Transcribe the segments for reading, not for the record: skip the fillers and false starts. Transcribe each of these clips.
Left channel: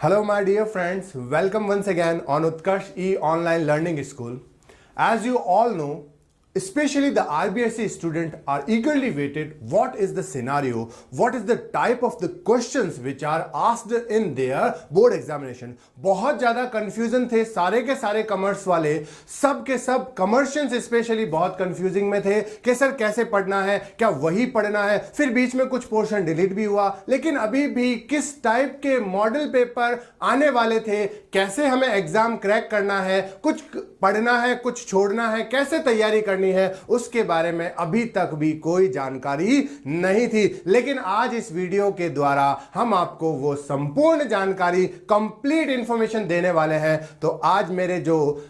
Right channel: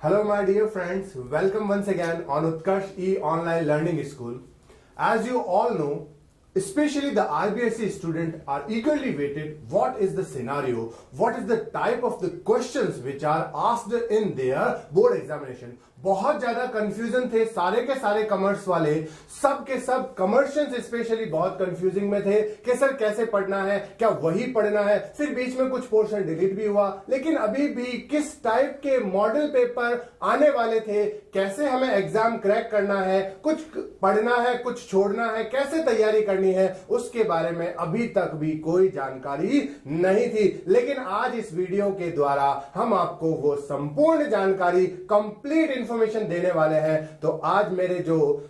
Hello, my dear friends. Welcome once again on Utkarsh E Online Learning School. As you all know, especially the IBSC student are eagerly waited what is the scenario, what is the type of the questions which are asked in their board examination. बहुत ज़्यादा confusion थे सारे के सारे commerce वाले, सब के सब कमर्शियंस स्पेशली बहुत कंफ्यूजिंग में थे कि सर कैसे पढ़ना है, क्या वही पढ़ना है। फिर बीच में कुछ पोर्शन डिलीट भी हुआ, लेकिन अभी भी किस टाइप के मॉडल पेपर आने वाले थे, कैसे हमें एग्जाम क्रैक करना है, कुछ पढ़ना है कुछ छोड़ना है, कैसे तैयारी करनी है, उसके बारे में अभी तक भी कोई जानकारी नहीं थी। लेकिन आज इस वीडियो के द्वारा हम आपको वो संपूर्ण जानकारी, कंप्लीट इंफॉर्मेशन देने वाले हैं। तो आज मेरे जो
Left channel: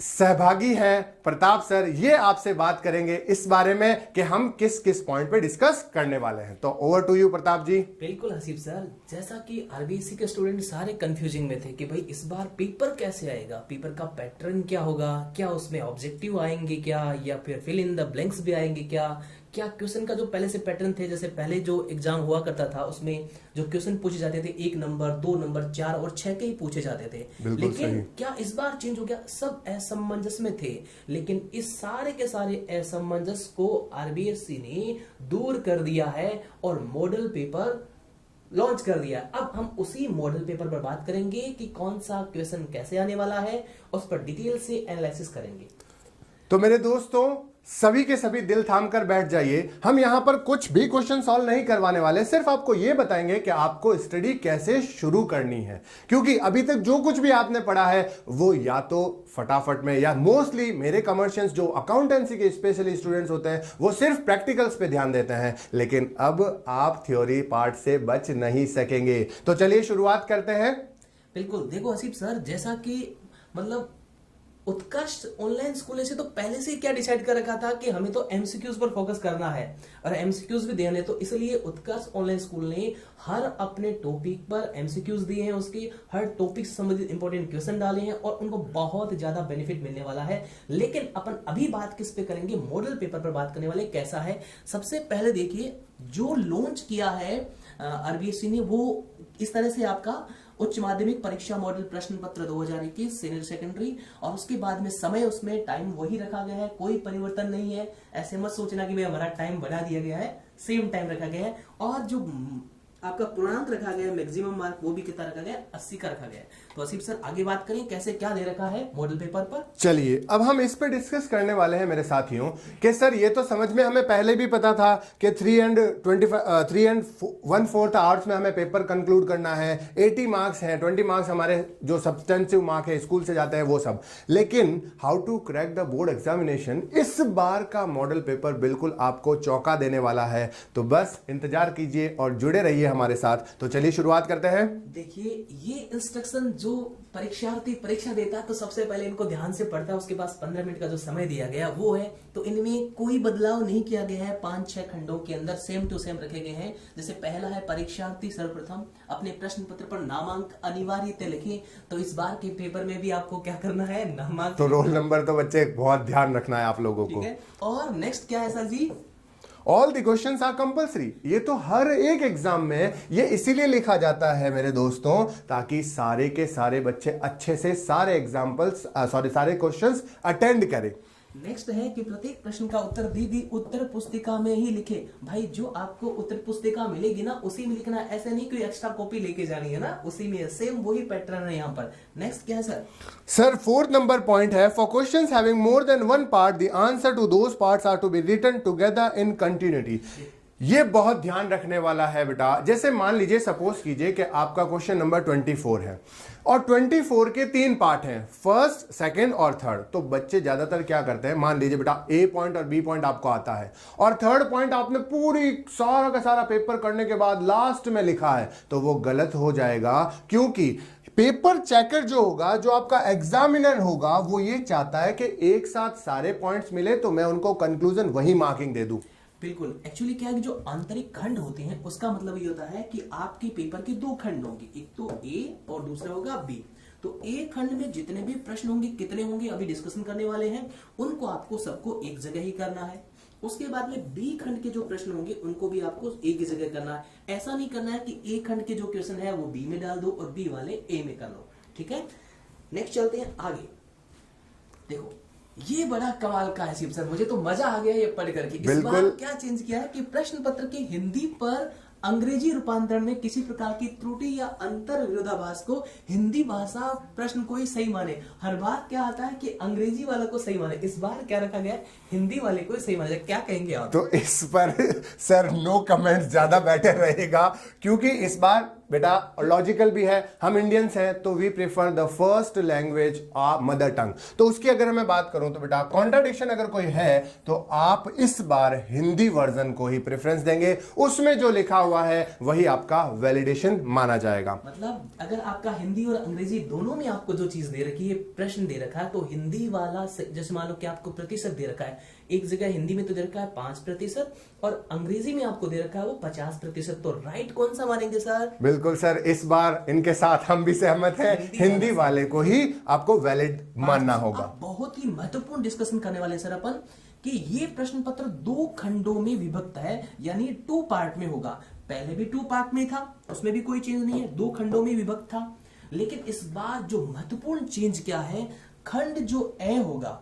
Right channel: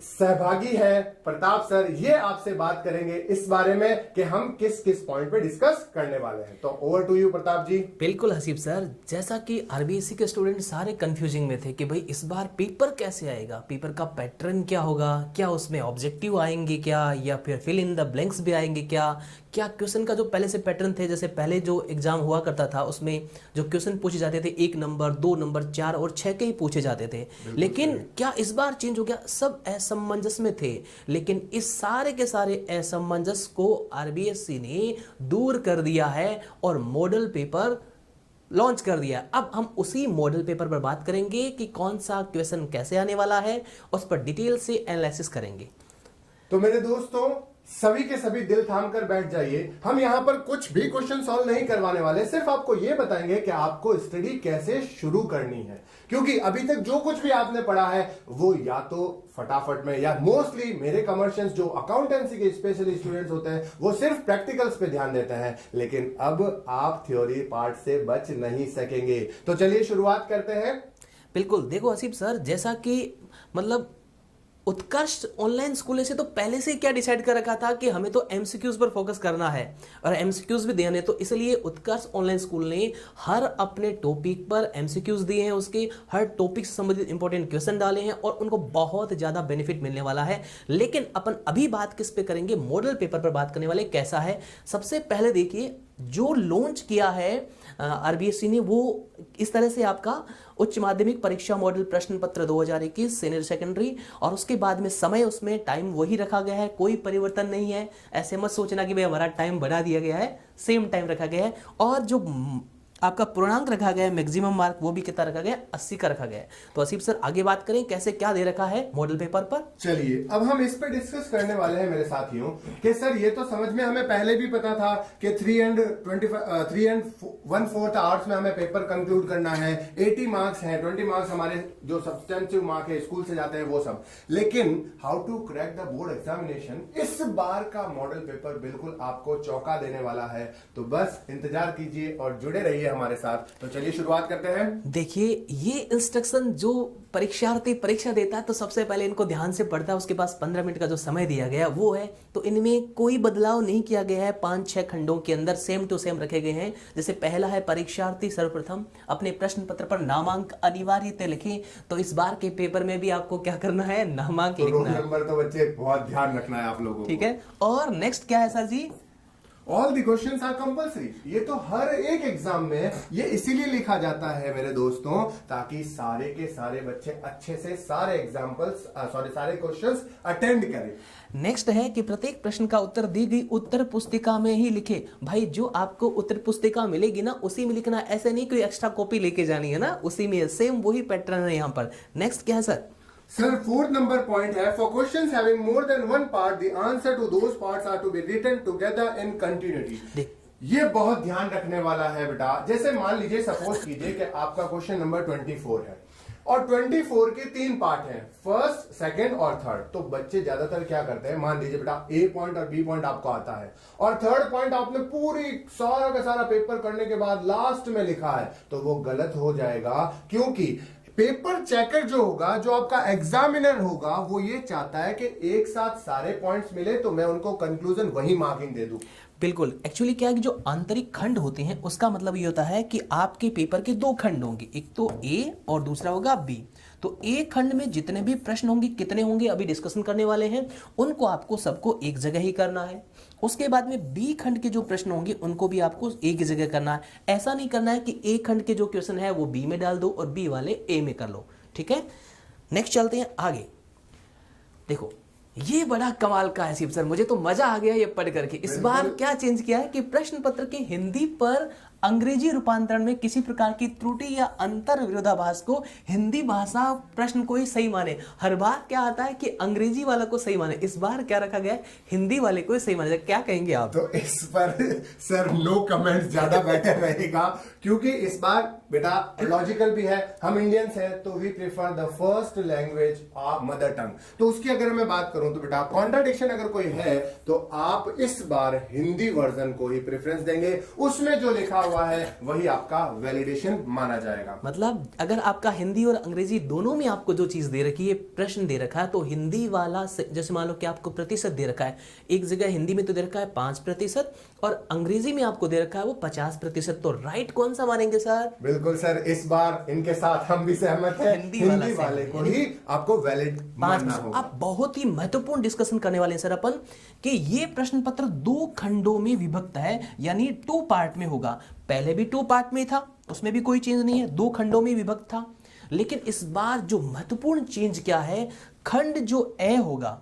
सहभागी है प्रताप सर, ये आपसे बात करेंगे इस बारे में कि हम किस किस पॉइंट पे डिस्कस करने वाले हैं। तो ओवर टू यू प्रताप जी। बिल्कुल हसीब सर, जैसा कि आरबीएससी के स्टूडेंट सारे कंफ्यूजिंग में थे कि भाई इस बार पेपर कैसे आएगा, पेपर का पैटर्न क्या होगा, क्या उसमें ऑब्जेक्टिव आएंगे क्या, या फिर फिल इन द ब्लैंक्स भी आएंगे क्या क्वेश्चन का जो पहले से पैटर्न थे, जैसे पहले जो एग्जाम हुआ करता था उसमें जो क्वेश्चन पूछे जाते थे 1 नंबर 2 नंबर 4 और 6 के ही पूछे जाते थे, लेकिन क्या इस बार चेंज हो गया? सब असमंजस में थे, लेकिन इस सारे के सारे असमंजस को आरबीएससी ने दूर कर दिया है और मॉडल पेपर लॉन्च कर दिया। अब हम उसी मॉडल पेपर पर बात करेंगे कि कौन सा क्वेश्चन कैसे आने वाला है, उस पर डिटेल से एनालिसिस करेंगे। तो मेरे दोस्तों सभी के सभी दिल थाम कर बैठ जाइए। हम यहां पर कुछ भी क्वेश्चन सॉल्व नहीं करवाने वाले, सिर्फ आपको यह बताएंगे कि आपको स्टडी कैसे शुरू करनी है, क्योंकि अभी तक जो कुछ भी आपने पढ़ा है वो या तो फटाफट में, या मोस्टली मेरे कमर्शियंस जो अकाउंटेंसी के स्पेशली स्टूडेंट्स होते हैं वो सिर्फ प्रैक्टिकल्स पे ध्यान देते हैं, लेकिन अब आप थ्योरी पार्ट से बच नहीं सकेंगे। तो चलिए शुरुआत करते हैं। बिल्कुल, देखो हसीब सर, जैसा कि मतलब उत्कर्ष ऑनलाइन स्कूल से तो पहले से क्या डिसाइड कर रखा था कि हमें तो एमसीक्यूज पर फोकस करना है और एमसीक्यूज भी देने, तो इसलिए उत्कर्ष ऑनलाइन स्कूल ने हर अपने टॉपिक पर एमसीक्यूज दिए हैं, उसके हर टॉपिक से संबंधित इंपॉर्टेंट क्वेश्चन डाले हैं और उनको बहुत ज्यादा बेनिफिट मिलने वाला है। लेकिन अपन अभी बात किस पे करेंगे, मॉडल पेपर पर बात करने वाले। कैसा है, सबसे पहले देखिए जो लॉन्च किया है आरबीएससी ने वो इस तरह से आपका उच्च माध्यमिक परीक्षा मॉडल प्रश्न पत्र 2021 सीनियर सेकेंडरी, और उसके बाद में समय उसमें टाइम वही रखा गया है, कोई परिवर्तन नहीं है। ऐसे मत सोचना कि भाई हमारा टाइम बढ़ा दिया गया है, सेम टाइम रखा गया है। और जो आपका पूर्णांक रखा गया है, मैक्सिमम मार्क, वो भी कितना रखा गया है, 80 का रखा गया है। तो असीफ सर आगे बात करें कैसे क्या दे रखा है मॉडल पेपर पर। चलिए अब हम इस पर डिस्कस करने वाले हैं मेरे साथियों कि सर ये तो समझ में हमें पहले भी पता था कि 3 and 1/4 आवर्स में हमें पेपर कंक्लूड करना है, 80 मार्क्स हैं, 20 मार्क्स हमारे जो सब्सटेंसिव मार्क है स्कूल से जाते हैं वो सब। लेकिन how to crack the board examination, इस बार का मॉडल पेपर बिल्कुल आपको चौंका देने वाला है। तो बस इंतजार कीजिए और जुड़े रहिए हमारे साथ। तो चलिए शुरुआत करते हैं। देखिए ये इंस्ट्रक्शन जो परीक्षार्थी परीक्षा देता है तो सबसे पहले इनको ध्यान से पढ़ता है, उसके पास 15 मिनट का जो समय दिया गया वो है, तो इनमें कोई बदलाव नहीं किया गया है। 5-6 खंडों के अंदर सेम टू सेम रखे गए हैं। जैसे पहला है परीक्षार्थी सर्वप्रथम अपने प्रश्न पत्र पर नामांक अनिवार्यतः लिखें, तो इस बार के पेपर में भी आपको क्या करना है, नामांक। तो रोल नंबर तो बच्चे बहुत ध्यान रखना है आप लोगों को, ठीक है। और नेक्स्ट क्या है sir ji? All the questions are compulsory. ये तो हर एक एग्जाम में ये इसीलिए लिखा जाता है मेरे दोस्तों, ताकि सारे के सारे बच्चे अच्छे से सारे सारे क्वेश्चंस अटेंड करें। नेक्स्ट है कि प्रत्येक प्रश्न का उत्तर दी गई उत्तर पुस्तिका में ही लिखे। भाई जो आपको उत्तर पुस्तिका मिलेगी ना उसी में लिखना, ऐसे नहीं कोई एक्स्ट्रा कॉपी लेके जानी है ना, उसी में सेम वही पैटर्न है यहाँ पर। नेक्स्ट क्या है sir? Sir 4th number point है, for questions having more than one part the answer to those parts are to be written together in continuity. ये बहुत ध्यान रखने वाला है बेटा। जैसे मान लीजिए सपोज कीजिए कि आपका क्वेश्चन नंबर 24 है और 24 के 3 पार्ट हैं, फर्स्ट सेकंड और थर्ड। तो बच्चे ज्यादातर क्या करते हैं, मान लीजिए बेटा ए पॉइंट और बी पॉइंट आपको आता है और थर्ड पॉइंट आपने पूरी सारा का सारा पेपर करने के बाद लास्ट में लिखा है, तो वो गलत हो जाएगा। क्योंकि पेपर चेकर जो होगा, जो आपका एग्जामिनर होगा, वो ये चाहता है कि एक साथ सारे पॉइंट्स मिले तो मैं उनको कंक्लूजन वही मार्किंग दे दूं। बिल्कुल, एक्चुअली क्या है कि जो आंतरिक खंड होते हैं उसका मतलब ये होता है कि आपके पेपर के दो खंड होंगे, एक तो ए और दूसरा होगा बी। तो ए खंड में जितने भी प्रश्न होंगे, कितने होंगे अभी डिस्कशन करने वाले हैं, उनको आपको सबको एक जगह ही करना है। उसके बाद में बी खंड के जो प्रश्न होंगे उनको भी आपको एक ही जगह करना है। ऐसा नहीं करना है कि ए खंड के जो क्वेश्चन है वो बी में डाल दो और बी वाले ए में कर लो, ठीक है। नेक्स्ट चलते हैं आगे। देखो ये बड़ा कमाल का है शिव सर, मुझे तो मजा आ गया ये पढ़ करके। इस बिल्कुल। बार क्या चेंज किया है कि प्रश्न पत्र के हिंदी पर अंग्रेजी रूपांतरण में किसी प्रकार की त्रुटि या अंतर विरोधाभास को हिंदी भाषा प्रश्न को ही सही माने। हर बार क्या आता है कि अंग्रेजी वाला को सही माने, इस बार क्या रखा गया है, हिंदी वाले को ही सही माने। क्या कहेंगे आप? तो इस पर सर नो कमेंट्स ज्यादा बेटर रहेगा, क्योंकि इस बार बेटा लॉजिकल भी है, हम इंडियंस हैं तो we prefer the first language mother tongue. तो उसकी अगर मैं बात करूं तो बेटा कॉन्ट्राडिक्शन अगर कोई है तो आप इस बार हिंदी वर्जन को ही प्रेफरेंस देंगे, उसमें जो लिखा हुआ है वही आपका वैलिडेशन माना जाएगा। मतलब अगर आपका हिंदी और अंग्रेजी दोनों में आपको जो चीज दे रखी है, प्रश्न दे रखा है, तो हिंदी वाला जैसे मान लो कि आपको प्रतिशत दे रखा है, एक जगह हिंदी में तो दे रखा है 5% और अंग्रेजी में आपको दे रखा है वो 50%, तो राइट कौन सा मानेंगे सर? बिल्कुल सर, इस बार इनके साथ हम भी सहमत हैं, हिंदी वाले को ही आपको वैलिड मानना होगा। अब बहुत ही महत्वपूर्ण डिस्कशन करने वाले हैं सर अपन कि ये प्रश्न पत्र दो खंडों में विभक्त है, यानी 2 पार्ट में होगा। पहले भी 2 पार्ट में था, उसमें भी कोई चेंज नहीं है, 2 खंडों में विभक्त था। लेकिन इस बार जो महत्वपूर्ण चेंज क्या है, खंड जो ए होगा,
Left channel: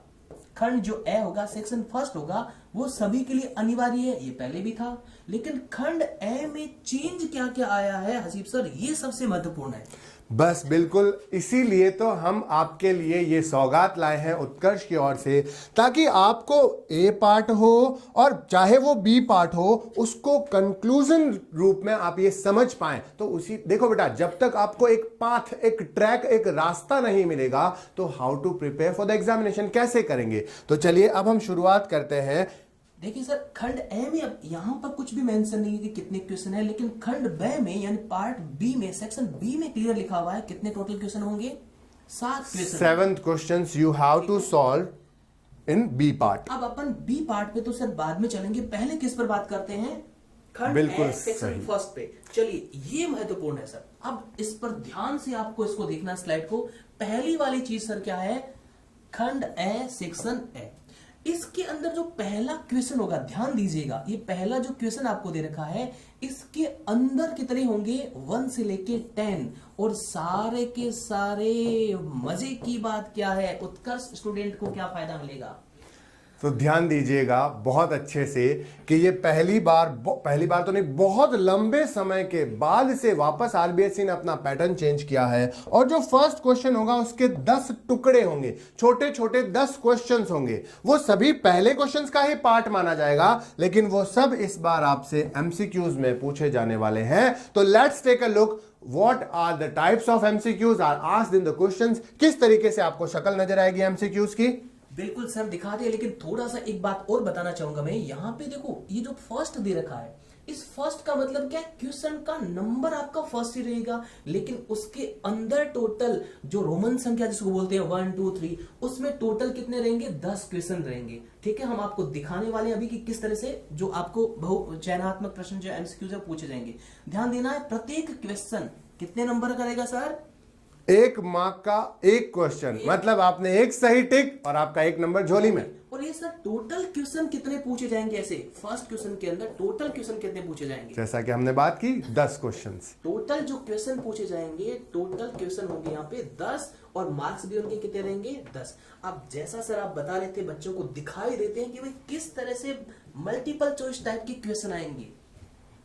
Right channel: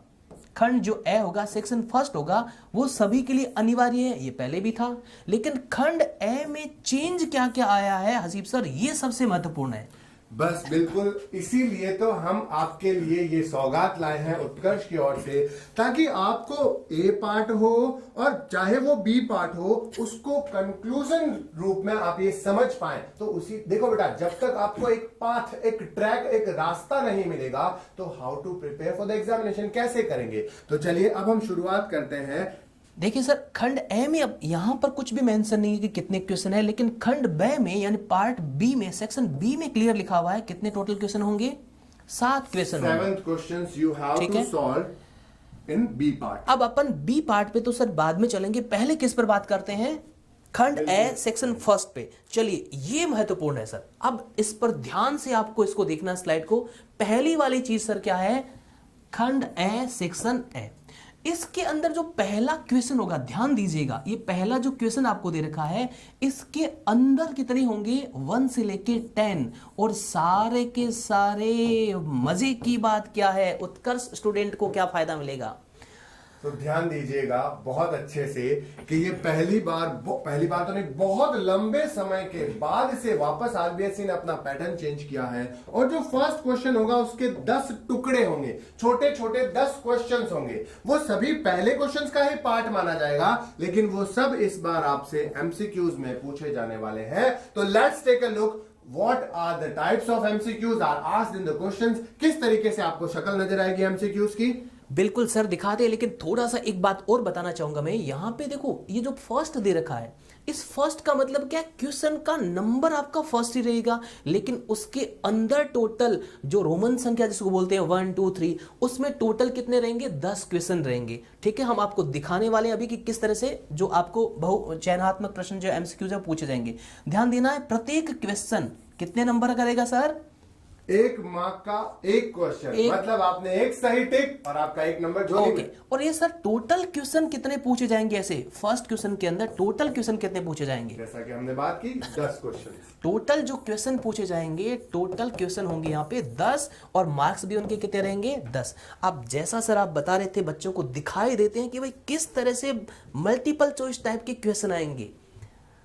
खंड जो ए होगा, सेक्शन फर्स्ट होगा, वो सभी के लिए अनिवार्य है, ये पहले भी था। लेकिन खंड ए में चेंज क्या क्या आया है हसीब सर, ये सबसे महत्वपूर्ण है। बस बिल्कुल, इसीलिए तो हम आपके लिए ये सौगात लाए हैं उत्कर्ष की ओर से, ताकि आपको ए पार्ट हो और चाहे वो बी पार्ट हो, उसको कंक्लूजन रूप में आप ये समझ पाएं। तो उसी देखो बेटा, जब तक आपको एक पाथ, एक ट्रैक, एक रास्ता नहीं मिलेगा तो how to prepare for the examination कैसे करेंगे। तो चलिए अब हम शुरुआत करते हैं। देखिए सर, खंड ए में अब यहां पर कुछ भी मेंशन नहीं है कि कितने क्वेश्चन है, लेकिन खंड बे में यानी पार्ट बी में, सेक्शन बी में क्लियर लिखा हुआ है कितने टोटल क्वेश्चन होंगे, 7 question. 7 questions you have to solve in B part. अब अपन बी पार्ट पे तो सर बाद में चलेंगे, पहले किस पर बात करते हैं, खंड ए सेक्शन फर्स्ट पे। चलिए ये महत्वपूर्ण है सर, अब इस पर ध्यान से आपको इसको देखना, स्लाइड को। पहली वाली चीज सर क्या है, खंड ए सेक्शन ए, इसके अंदर जो पहला क्वेश्चन होगा, ध्यान दीजिएगा, ये पहला जो क्वेश्चन आपको दे रखा है, इसके अंदर कितने होंगे, 1 से लेके 10। और सारे के सारे मजे की बात क्या है, उत्कर्ष स्टूडेंट को क्या फायदा मिलेगा। तो ध्यान दीजिएगा बहुत अच्छे से कि ये पहली बार तो नहीं, बहुत लंबे समय के बाद से वापस आरबीएसई ने अपना पैटर्न चेंज किया है। और जो फर्स्ट क्वेश्चन होगा उसके 10 टुकड़े होंगे, छोटे छोटे 10 क्वेश्चंस होंगे। वो सभी पहले क्वेश्चंस का ही पार्ट माना जाएगा, लेकिन वो सब इस बार आपसे एमसीक्यूज में पूछे जाने वाले हैं। तो let's take a look, What are the types of MCQs are asked in the questions? किस तरीके से आपको शक्ल नजर आएगी MCQs की? बिल्कुल सर दिखाते हैं, लेकिन थोड़ा सा एक बात और बताना चाहूंगा मैं। यहां पे देखो ये जो फर्स्ट दे रखा है, इस फर्स्ट का मतलब क्या, क्वेश्चन का नंबर आपका फर्स्ट ही रहेगा, लेकिन उसके अंदर टोटल जो रोमन संख्या जिसको बोलते हैं 1 2 3, उसमें टोटल कितने रहेंगे, 10 क्वेश्चन रहेंगे। ठीक है, हम आपको दिखाने वाले हैं अभी कि किस तरह से जो आपको बहु चयनात्मक प्रश्न जो एमसीक्यू है पूछे जाएंगे। ध्यान देना है, प्रत्येक क्वेश्चन कितने नंबर का रहेगा सर, 1 मार्क का 1 क्वेश्चन, मतलब आपने 1 सही टिक और आपका 1 नंबर झोली में। और ये सर टोटल क्वेश्चन कितने पूछे जाएंगे, ऐसे फर्स्ट क्वेश्चन के अंदर टोटल क्वेश्चन कितने पूछे जाएंगे, जैसा कि हमने बात की 10 क्वेश्चंस। टोटल जो क्वेश्चन पूछे जाएंगे, टोटल क्वेश्चन होंगे यहाँ पे 10 और मार्क्स भी उनके कितने रहेंगे, 10। अब जैसा सर आप बता रहे थे, बच्चों को दिखाई देते हैं कि भाई किस तरह से मल्टीपल चॉइस टाइप के क्वेश्चन आएंगे।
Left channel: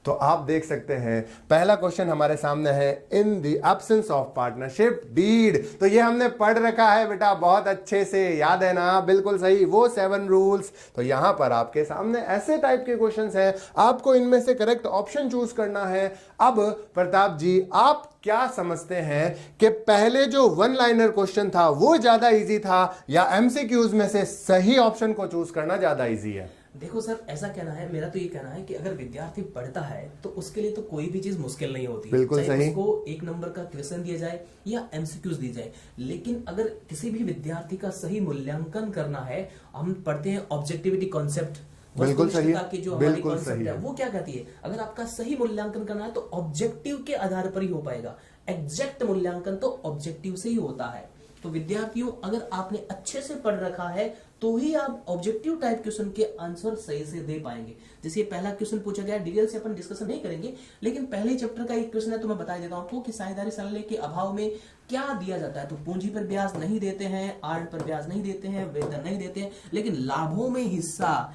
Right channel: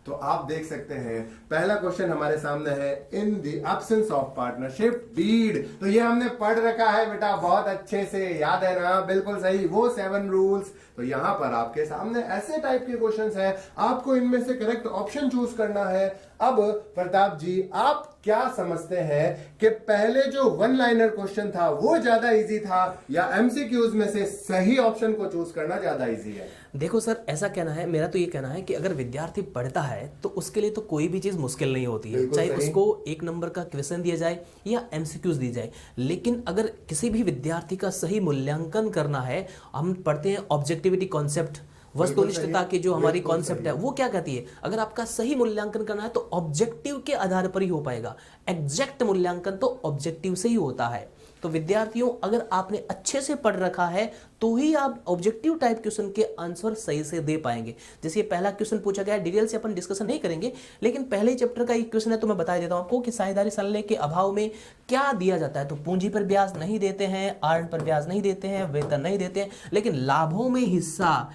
तो आप देख सकते हैं पहला क्वेश्चन हमारे सामने है, in the absence of partnership deed. तो ये हमने पढ़ रखा है बेटा, बहुत अच्छे से याद है ना, बिल्कुल सही, वो 7 रूल्स। तो यहां पर आपके सामने ऐसे टाइप के क्वेश्चंस हैं, आपको इनमें से करेक्ट ऑप्शन चूज करना है। अब प्रताप जी, आप क्या समझते हैं कि पहले जो 1 लाइनर क्वेश्चन था वो ज्यादा इजी था, या एमसीक्यूज में से सही ऑप्शन को चूज करना ज्यादा इजी है? देखो सर, ऐसा कहना है, मेरा तो ये कहना है कि अगर विद्यार्थी पढ़ता है तो उसके लिए तो कोई भी चीज मुश्किल नहीं होती है, चाहे उसको 1 नंबर का क्वेश्चन दिया जाए या एमसीक्यूज दी जाए। लेकिन अगर किसी भी विद्यार्थी का सही मूल्यांकन करना है, हम पढ़ते हैं ऑब्जेक्टिविटी कॉन्सेप्ट, बिल्कुल सही वस्तुनिष्ठता है, की जो हमारी बिल्कुल कॉन्सेप्ट सही है है। वो क्या कहती है, अगर आपका सही मूल्यांकन करना है तो ऑब्जेक्टिव के आधार पर ही हो पाएगा। एग्जैक्ट मूल्यांकन तो ऑब्जेक्टिव से ही होता है। तो विद्यार्थियों, अगर आपने अच्छे से पढ़ रखा है तो ही आप ऑब्जेक्टिव टाइप क्वेश्चन के आंसर सही से दे पाएंगे। जैसे ये पहला क्वेश्चन पूछा गया है, डिटेल से अपन डिस्कशन नहीं करेंगे, लेकिन पहले चैप्टर का एक क्वेश्चन है तो मैं बता देता हूं आपको कि साझेदारी सलाह के अभाव में क्या दिया जाता है। तो पूंजी पर ब्याज नहीं देते हैं, आर्न पर ब्याज नहीं देते हैं, वेतन नहीं देते हैं, लेकिन लाभों में हिस्सा,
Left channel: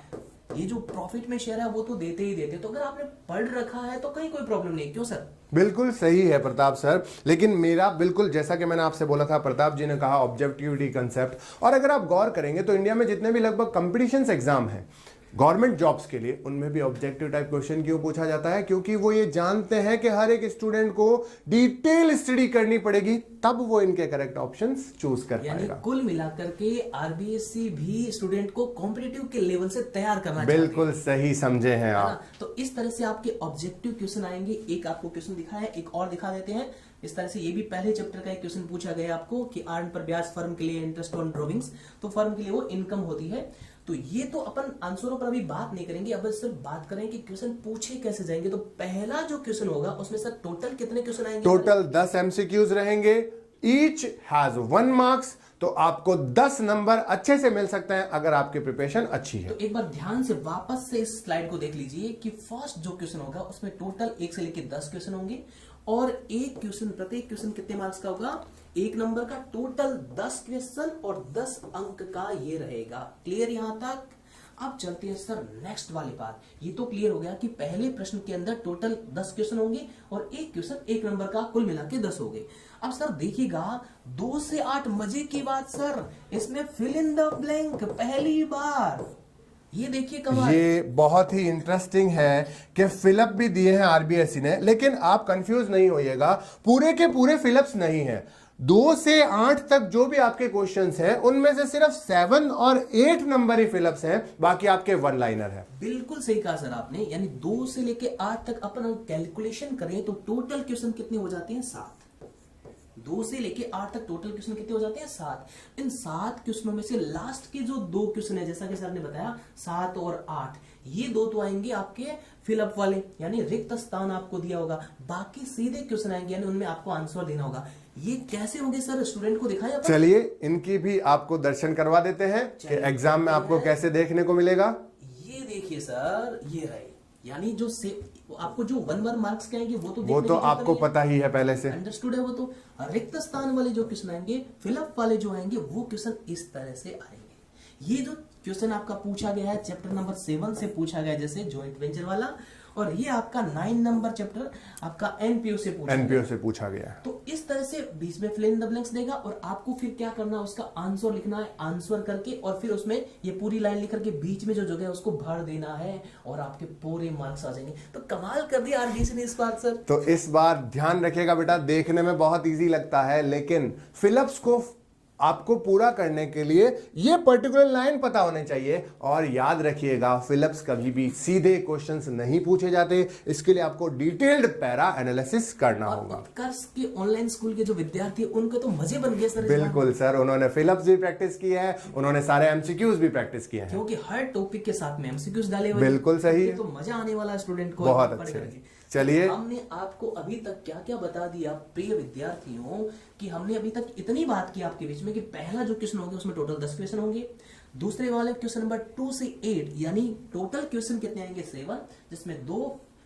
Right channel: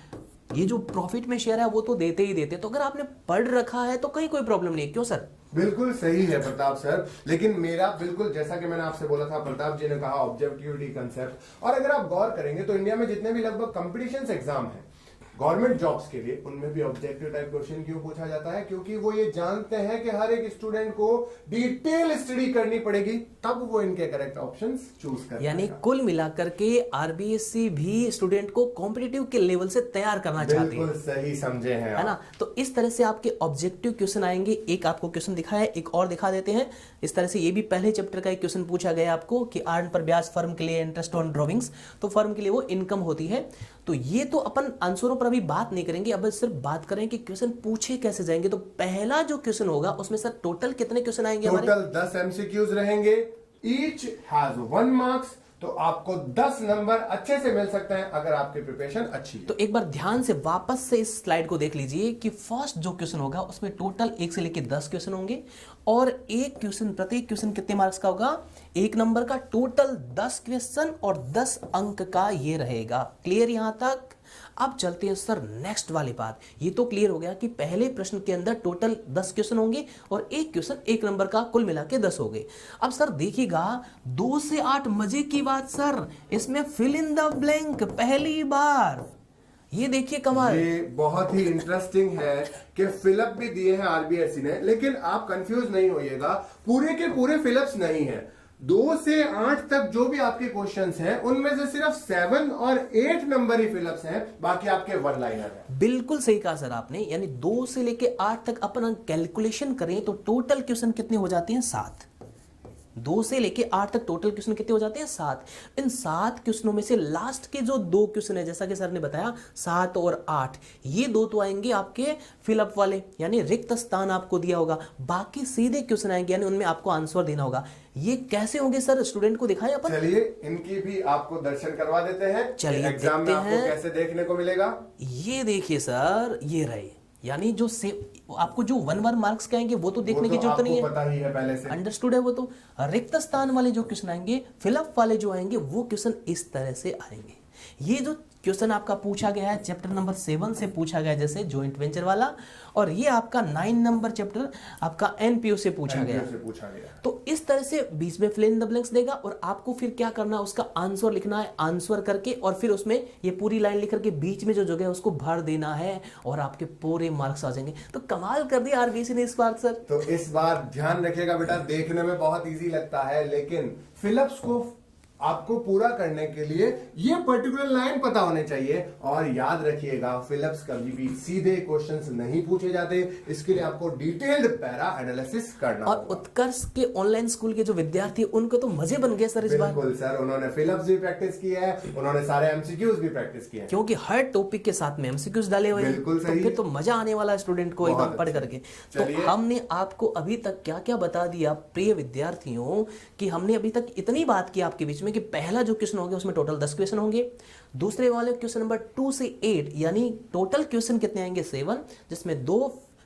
ये जो प्रॉफिट में शेयर है वो तो देते ही देते। तो अगर आपने पढ़ रखा है तो कहीं कोई प्रॉब्लम नहीं है। क्यों सर? बिल्कुल सही है प्रताप सर, लेकिन मेरा बिल्कुल जैसा कि मैंने आपसे बोला था, प्रताप जी ने कहा ऑब्जेक्टिविटी कंसेप्ट, और अगर आप गौर करेंगे तो इंडिया में जितने भी लगभग कंपटीशन एग्जाम हैं गवर्नमेंट जॉब्स के लिए, उनमें भी ऑब्जेक्टिव टाइप क्वेश्चन क्यों पूछा जाता है? क्योंकि वो ये जानते हैं कि हर एक स्टूडेंट को डिटेल स्टडी करनी पड़ेगी, तब वो इनके करेक्ट ऑप्शंस चूज कर यानी पाएगा। कुल मिलाकर के आरबीएससी भी स्टूडेंट को कॉम्पिटिटिव के लेवल से तैयार करना चाहती है। बिल्कुल सही समझे हैं है आप। ना? तो इस तरह से आपके ऑब्जेक्टिव क्वेश्चन आएंगे। एक आपको क्वेश्चन दिखा है, एक और दिखा देते हैं। इस तरह से ये भी पहले चैप्टर का एक क्वेश्चन पूछा गया आपको कि अर्न पर ब्याज फर्म के लिए इंटरेस्ट ऑन ड्रॉविंग्स, तो फर्म के लिए वो इनकम होती है। तो ये तो अपन आंसरों पर अभी बात नहीं करेंगे, अब सिर्फ बात करें कि क्वेश्चन पूछे कैसे जाएंगे। तो पहला जो क्वेश्चन होगा उसमें सर टोटल कितने क्वेश्चन आएंगे? टोटल 10 एमसीक्यूज रहेंगे, ईच हैज 1 मार्क्स, तो आपको 10 नंबर अच्छे से मिल सकते हैं अगर आपकी प्रिपरेशन अच्छी है। तो एक बार ध्यान से वापस से इस स्लाइड को देख लीजिए कि फर्स्ट जो क्वेश्चन होगा उसमें टोटल 1 से लेकर 10 क्वेश्चन होंगे, और एक क्वेश्चन, प्रत्येक क्वेश्चन कितने मार्क्स का होगा? 1 नंबर का। टोटल 10 क्वेश्चन और 10 अंक का ये रहेगा। क्लियर यहां तक? अब चलते हैं सर नेक्स्ट वाली बात। ये तो क्लियर हो गया कि पहले प्रश्न के अंदर टोटल 10 क्वेश्चन होंगे और एक क्वेश्चन 1 नंबर का, कुल मिला के 10 हो गए। अब सर देखिएगा 2 से 8 मजे की बात सर, इसमें फिल इन द ब्लैंक पहली बार। ये देखिए कमाल। ये बहुत ही इंटरेस्टिंग है कि फिलअप भी दिए हैं आरबीएससी ने, लेकिन आप कंफ्यूज नहीं होइएगा, पूरे के पूरे फिलअप्स नहीं है। 2 से 8 तक जो भी आपके क्वेश्चंस हैं उनमें से सिर्फ 7 और 8 नंबर ही फिलअप्स हैं, बाकी आपके वन लाइनर हैं। बिल्कुल सही कहा सर आपने। यानी 2 से लेके 8 तक अपन कैलकुलेशन करें तो टोटल क्वेश्चन कितने हो जाते हैं? 7। 2 से लेके 8 तक टोटल क्वेश्चन कितने हो जाते हैं? 7। इन 7 क्वेश्चनों में से लास्ट के जो 2 क्वेश्चन है, जैसा कि सर ने बताया 7 और 8, ये 2 तो आएंगे आपके फिलअप वाले, यानी रिक्त स्थान आपको दिया होगा। बाकी सीधे क्वेश्चन आएंगे, यानी उनमें आपको आंसर देना होगा। ये कैसे होंगे सर? स्टूडेंट को दिखाएं अपन। चलिए इनकी भी आपको दर्शन करवा देते हैं, चलिए एग्जाम में देखते आपको हैं। कैसे देखने को मिलेगा। ये देखिए सर, ये रहे, यानी जो से आपको जो 1 मार्क्स के आएंगे वो तो देखने वो की तो जरूरत आपको नहीं है, पता ही है पहले से। अंडरस्टूड है वो तो। रिक्त स्थान वाले जो क्वेश्चन आएंगे, फिलअप वाले जो आएंगे, वो क्वेश्चन इस तरह से आएंगे। ये जो क्वेश्चन आपका पूछा गया है चैप्टर नंबर 7 से पूछा गया, जैसे जॉइंट वेंचर वाला, और ये आपका 9 नंबर चैप्टर आपका एनपीओ से पूछा गया। एनपीओ से पूछा गया है। तो इस तरह से बीच में फिल इन द ब्लैंक्स देगा और आपको फिर क्या करना है, उसका आंसर लिखना है, आंसर करके और फिर उसमें ये पूरी लाइन लिख करके बीच में जो जगह है उसको भर देना है और आपके पूरे मार्क्स आ जाएंगे। तो कमाल कर दिया आरबीसी ने इस बार सर। तो इस बार ध्यान रखिएगा बेटा, देखने में बहुत इजी लगता है, लेकिन फिलअप्स को आपको पूरा करने के लिए ये पर्टिकुलर लाइन पता होने चाहिए। और याद रखिएगा, फिलअप्स कभी भी सीधे क्वेश्चंस नहीं पूछे जाते, इसके लिए आपको डिटेल्ड पैरा एनालिसिस करना और होगा। उत्कर्ष के ऑनलाइन स्कूल के जो विद्यार्थी हैं, उनके तो मजे बन गए सर इस बार। बिल्कुल सर, उन्होंने फिलअप्स भी प्रैक्टिस किया है, उन्होंने सारे एमसीक्यूज भी प्रैक्टिस किए हैं, क्योंकि हर टॉपिक के साथ में एमसीक्यूज डाले हुए हैं। बिल्कुल सही। तो फिर तो मजा आने वाला है स्टूडेंट को बहुत एकदम पढ़ अच्छा। करके। चलिए। तो हमने आपको अभी तक क्या क्या बता दिया प्रिय विद्यार्थियों, कि हमने अभी तक इतनी बात की आपके बीच में कि पहला जो क्वेश्चन होंगे उसमें टोटल 10 क्वेश्चन होंगे। दूसरे वाले क्वेश्चन नंबर 2 से 8, यानी टोटल क्वेश्चन कितने आएंगे? 7, जिसमें 2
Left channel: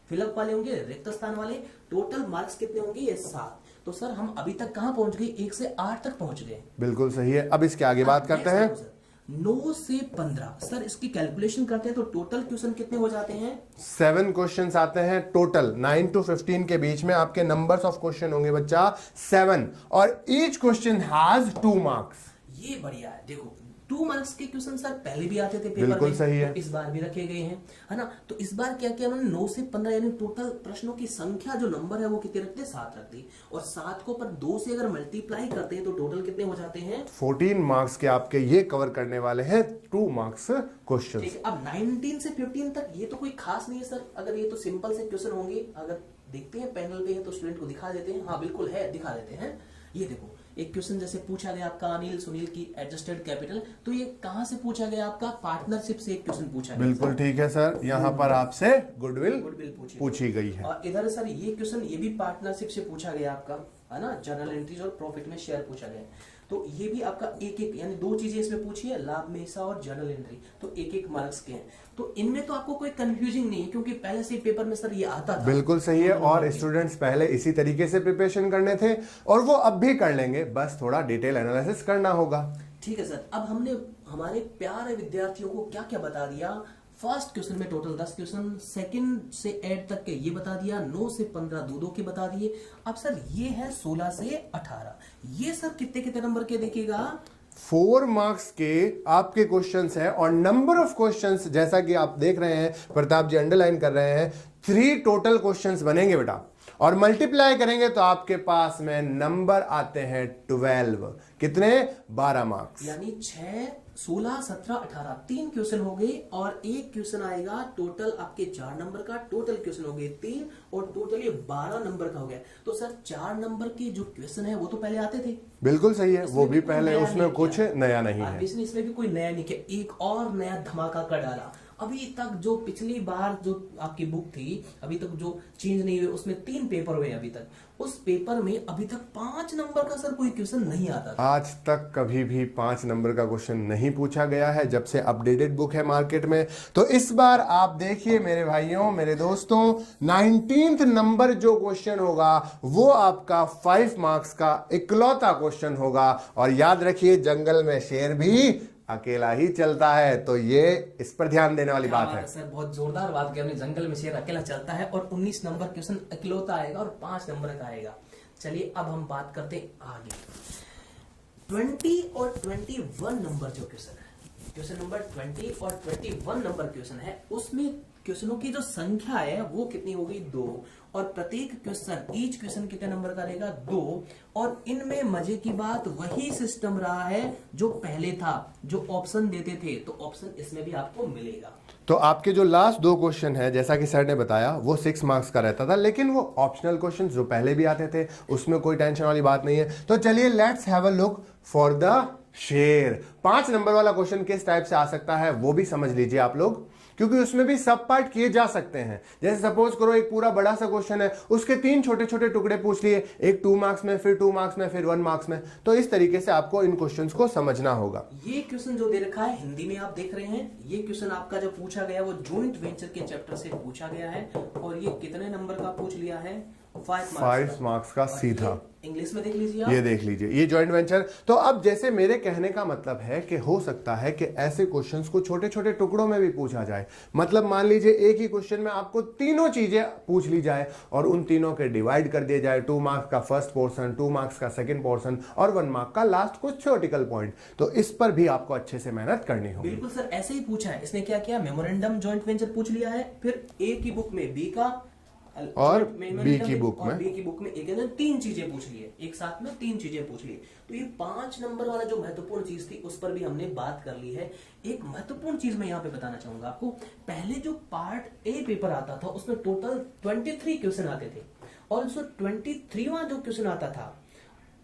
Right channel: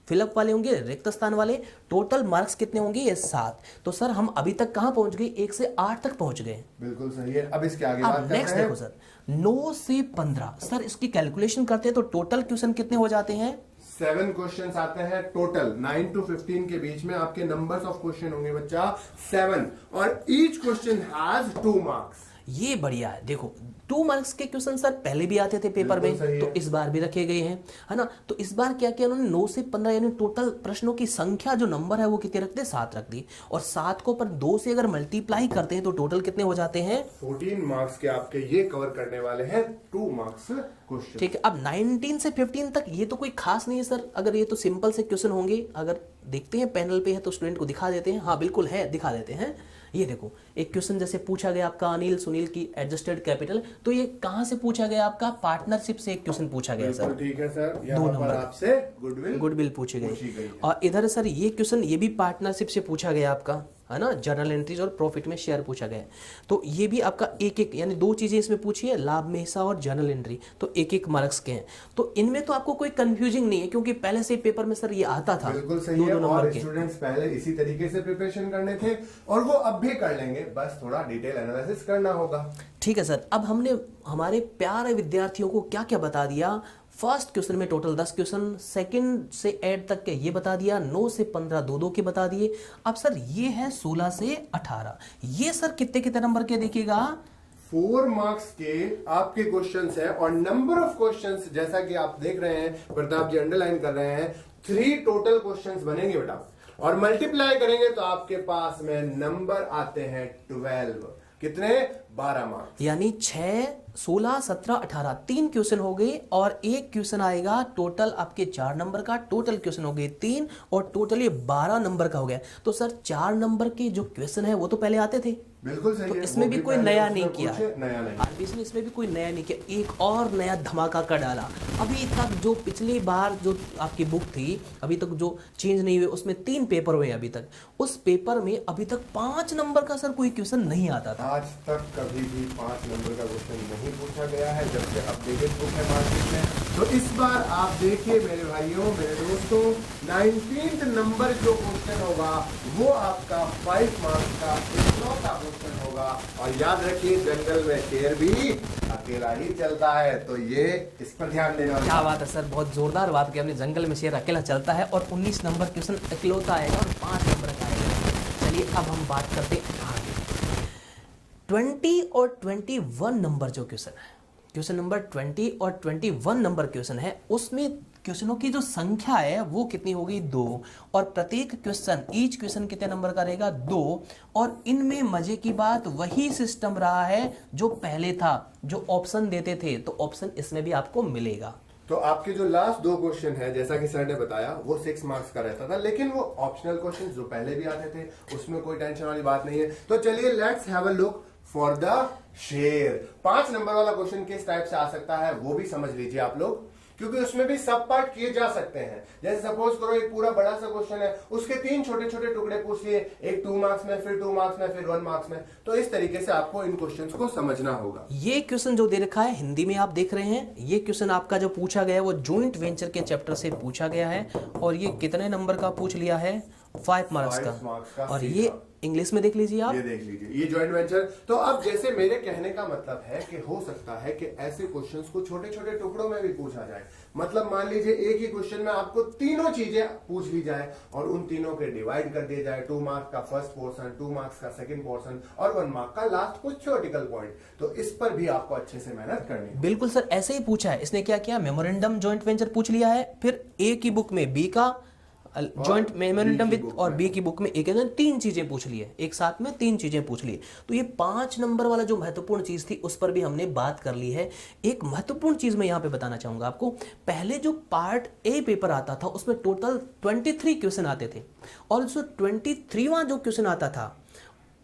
फिलअप वाले होंगे, रिक्त स्थान वाले। टोटल मार्क्स कितने होंगे? ये 7। तो सर हम अभी तक कहां पहुंच गए? 1 से 8 तक पहुंच गए। बिल्कुल सही है। अब इसके आगे बात करते नेक्स्ट हैं। देखो सर, 9 से 15 सर इसकी कैलकुलेशन करते हैं तो टोटल क्वेश्चन कितने हो जाते हैं? 7 क्वेश्चंस आते हैं टोटल। 9 to 15 के बीच में आपके नंबर्स ऑफ क्वेश्चन होंगे बच्चा 7, और ईच क्वेश्चन हैज 2 मार्क्स। ये बढ़िया है। देखो 2 मार्क्स के क्वेश्चन सर पहले भी आते थे पेपर बिल्कुल में, सही है। तो इस बार भी रखे गए हैं, है ना? तो इस बार क्या किया उन्होंने? 9 से 15 यानी टोटल प्रश्नों की संख्या जो नंबर है वो कितने रख दी? 7 रख दी। और 7 को पर 2 से अगर मल्टीप्लाई करते हैं तो टोटल कितने हो जाते हैं? 14 मार्क्स के आपके ये कवर करने वाले हैं 2 मार्क्स क्वेश्चन। ठीक है। अब 19 से 15 तक ये तो कोई खास नहीं है सर, अगर ये तो सिंपल से क्वेश्चन होंगे, अगर देखते हैं पैनल पे है तो स्टूडेंट को दिखा देते हैं। हाँ बिल्कुल है, दिखा देते हैं। ये देखो एक क्वेश्चन जैसे पूछा गया आपका अनिल सुनील की एडजस्टेड कैपिटल, तो ये कहाँ से पूछा गया आपका, पार्टनरशिप से एक क्वेश्चन पूछा गया बिल्कुल सर। ठीक है सर, यहाँ पर आपसे गुडविल पूछी गई है। और इधर सर ये क्वेश्चन ये भी पार्टनरशिप से पूछा गया आपका, है ना, जर्नल एंट्रीज और प्रॉफिट में शेयर पूछा गया है। तो ये भी आपका एक एक यानी 2 चीजें इसमें पूछी है, लाभ में हिस्सा और जर्नल एंट्री, तो एक एक मार्क्स के हैं। तो इनमें तो आपको कोई कंफ्यूजिंग नहीं है क्योंकि पहले से पेपर में सर ये आता था। बिल्कुल सही है, और स्टूडेंट्स पहले इसी तरीके से प्रिपरेशन करने थे और वो अब भी कर लेंगे, बस थोड़ा डिटेल एनालिसिस करना होगा। ठीक है सर, अब हमने हमारे प्यारे विद्यार्थियों को क्या क्या बता दिया। फर्स्ट क्वेश्चन में टोटल 10 क्वेश्चन, सेकंड से 8 तक के ये बता दिया, 9 से 15 2 के बता दिए। अब सर ये है 16 से 18, ये सर कितने कितने नंबर के देखिएगा, 4 मार्क्स के आपके क्वेश्चंस हैं, और नंबर ऑफ क्वेश्चंस जैसा कि आप देख रहे हैं, प्रताप जी अंडरलाइन कर रहे हैं, 3 टोटल क्वेश्चंस बनेंगे बेटा, और मल्टीप्लाई करेंगे तो आपके पास में नंबर आते हैं 12। कितने? 12 मार्क्स, यानी 6 16 17 18 3 क्वेश्चन हो गए, और एक क्वेश्चन आएगा टोटल आपके 4 नंबर का, टोटल क्वेश्चन हो गए 3, और टोटल ये 12 नंबर का हो गया। तो सर 4 नंबर के जो क्वेश्चन है वो तो पहले आते थे। बिल्कुल सही है, इसमें वो भी कोई पहले नया उसमें नहीं कुछ किया, नया नहीं है। ऑब्वियसली इसमें भी कोई नया नहीं किया, एक और नया धमाका कर डाला। अभी तक जो पिछली बार जो आपकी बुक थी अभी तक जो चेंज नहीं हुए, उसमें 3 पेपर हुए अभी तक, उस पेपर में अभी तक 5 नंबर का सर कोई क्वेश्चन नहीं आता था। आज तक कभी भी 5 नंबर का क्वेश्चन नहीं पूछा गया है जब से अपडेटेड बुक है मार्केट में। तो इस बार आप देखिए मेरे भाइयों मेरे दोस्तों, 19th नंबर जो क्वेश्चन होगा वो आपका 5 मार्क्स का इकलौता क्वेश्चन होगा। और याद रखिए जंगल में शेर भी अकेला ही चलता है, तो ये इस पर ध्यान देने वाली क्या बात बात है सर, बहुत जोरदार बात की हमने, जंगल में शेर अकेला चलता है, और 19 नंबर क्वेश्चन इकलौता आएगा और 5 नंबर का आएगा। चलिए अब हम बात करते हैं आगे 20 और 21 नंबर जो क्वेश्चन है, क्वेश्चन नंबर 20 और 21 नंबर क्वेश्चन है, उसमें क्वेश्चनों की जो संख्या है वो कितनी होगी? 2, और प्रत्येक क्वेश्चन ईच क्वेश्चन कितने नंबर का रहेगा? 2, और इनमें मजे की बात वही सिस्टम रहा है जो पहले था, जो ऑप्शन देते थे, तो ऑप्शन इसमें भी आपको मिलेगा। तो आपके जो लास्ट 2 क्वेश्चन है जैसा कि सर ने बताया वो 6 मार्क्स का रहता था, लेकिन वो ऑप्शनल क्वेश्चन जो पहले भी आते थे उसमें कोई टेंशन वाली बात नहीं है। तो चलिए let's have a look for the शेर। 5 नंबर वाला क्वेश्चन किस टाइप से आ सकता है वो भी समझ लीजिए आप लोग, क्योंकि उसमें भी सब पार्ट किए जा सकते हैं। जैसे सपोज करो एक पूरा बड़ा सा क्वेश्चन है, उसके 3 छोटे छोटे टुकड़े पूछ लिए, एक 2 मार्क्स में, फिर 2 मार्क्स में, फिर 1 मार्क्स में। तो इस तरीके से आपको इन क्वेश्चंस को समझना होगा। ये क्वेश्चन जो दे रखा है हिंदी में आप देख रहे हैं, ये क्वेश्चन आपका जो पूछा गया है वो जॉइंट वेंचर के चैप्टर से पूछा गया है, और ये कितने नंबर का पूछ लिया है? 5 मार्क्स का सीधा। इंग्लिश में देख लीजिए आप, ये देख लीजिए ये जॉइंट वेंचर। तो अब जैसे मेरे कहने का मतलब है कि हो सकता है कि ऐसे क्वेश्चंस को छोटे छोटे टुकड़ों में भी पूछा जाए। मतलब मान लीजिए एक ही क्वेश्चन में आपको तीनों चीजें पूछ ली जाए और उन तीनों के डिवाइड कर दिए जाए, 2 मार्क्स का फर्स्ट पोर्शन, 2 मार्क्स का सेकंड पोर्शन और 1 मार्क का लास्ट कुछ थ्योरेटिकल पॉइंट। तो इस पर भी आपको अच्छे से मेहनत करनी होगी। बिल्कुल सर ऐसे ही पूछा है इसने। क्या किया? मेमोरेंडम जॉइंट वेंचर पूछ लिया है, फिर ए की बुक में बी का जॉइंट मेमोरेंडम और बी की बुक में एक 3 चीजें पूछ ली है, एक साथ में 3 चीजें पूछ ली। तो ये 5 नंबर वाला जो महत्वपूर्ण चीज थी उस पर भी हमने बात कर ली है। एक महत्वपूर्ण चीज मैं यहाँ पे बताना चाहूंगा आपको, पहले जो पार्ट ए पेपर आता था उसमें टोटल 23 क्वेश्चन आते थे, और जो 23वां जो क्वेश्चन आता था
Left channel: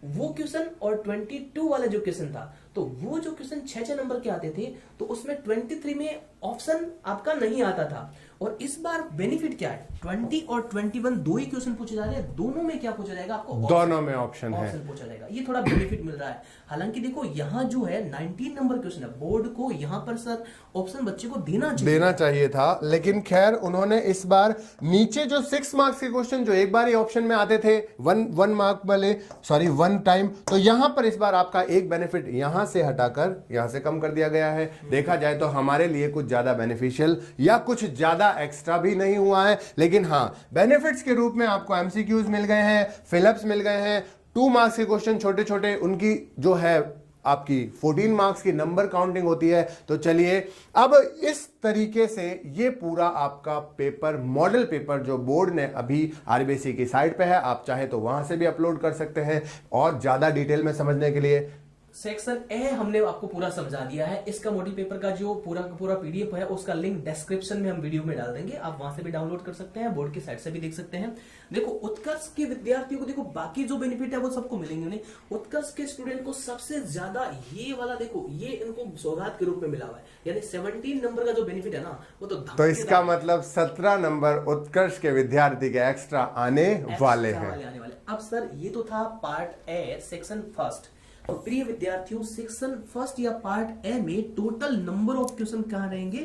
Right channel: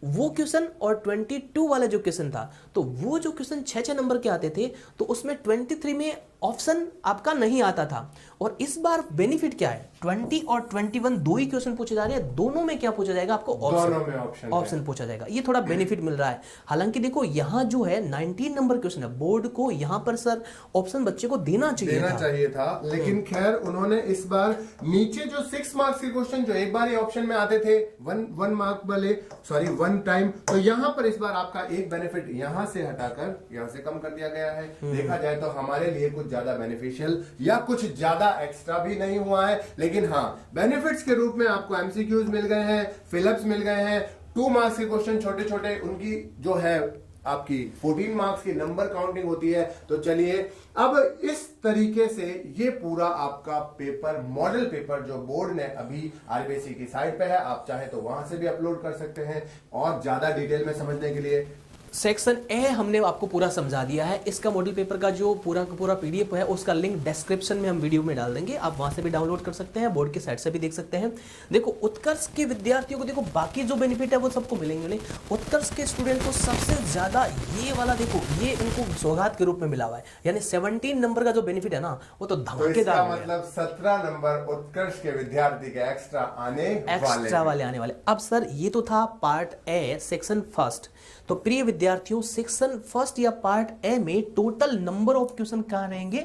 वो क्वेश्चन और 22 वाला जो क्वेश्चन था, तो वो जो क्वेश्चन 6 नंबर के आते थे, तो उसमें 23 में ऑप्शन आपका नहीं आता था। और इस बार बेनिफिट क्या है? 20 और 21 दो ही क्वेश्चन पूछे जा रहे हैं, दोनों में क्या पूछा जाएगा आपको? दोनों में ऑप्शन पूछा जाएगा। ये थोड़ा बेनिफिट मिल रहा है। हालांकि देखो यहाँ जो है 19 नंबर क्वेश्चन है, बोर्ड को यहाँ पर सर ऑप्शन बच्चे को देना चाहिए था, लेकिन खैर उन्होंने इस बार नीचे जो 6 मार्क्स के क्वेश्चन जो एक बार ही ऑप्शन में आते थे, 1 मार्क वाले, सॉरी 1 टाइम, तो यहाँ पर इस बार आपका एक बेनिफिट यहाँ से हटाकर यहाँ से कम कर दिया गया है। देखा जाए तो हमारे लिए कुछ ज्यादा बेनिफिशियल या कुछ ज्यादा एक्स्ट्रा भी नहीं हुआ है, लेकिन हाँ बेनिफिट्स के रूप में आपको एमसीक्यूज मिल गए हैं, फिलअप्स मिल गए हैं, 2 मार्क्स के क्वेश्चन छोटे छोटे, उनकी जो है आपकी 14 मार्क्स की नंबर काउंटिंग होती है। तो चलिए अब इस तरीके से ये पूरा आपका पेपर, मॉडल पेपर जो बोर्ड ने अभी आरबीएसई की साइट पे है, आप चाहे तो वहां से भी अपलोड कर सकते हैं और ज्यादा डिटेल में समझने के लिए। सेक्शन ए हमने आपको पूरा समझा दिया है। इसका मॉडल पेपर का जो पूरा का पूरा पीडीएफ है उसका लिंक डिस्क्रिप्शन में हम वीडियो में डाल देंगे, आप वहां से भी डाउनलोड कर सकते हैं, बोर्ड की साइट से भी देख सकते हैं। देखो उत्कर्ष के विद्यार्थियों को देखो बाकी जो बेनिफिट है वो सबको मिलेंगे नहीं, उत्कर्ष के स्टूडेंट को सबसे ज्यादा ये वाला देखो ये इनको सौगात के रूप में मिला हुआ है, यानी 17 नंबर का जो बेनिफिट है ना वो तो तो इसका धमाकेदार है। मतलब 17 नंबर उत्कर्ष के विद्यार्थी के एक्स्ट्रा आने वाले एक्स्ट्रा हैं। वाले आने वाले। अब सर ये तो था पार्ट ए सेक्शन फर्स्ट। तो प्रिय विद्यार्थियों सेक्शन फर्स्ट या पार्ट ए में टोटल नंबर ऑफ क्वेश्चन कहां रहेंगे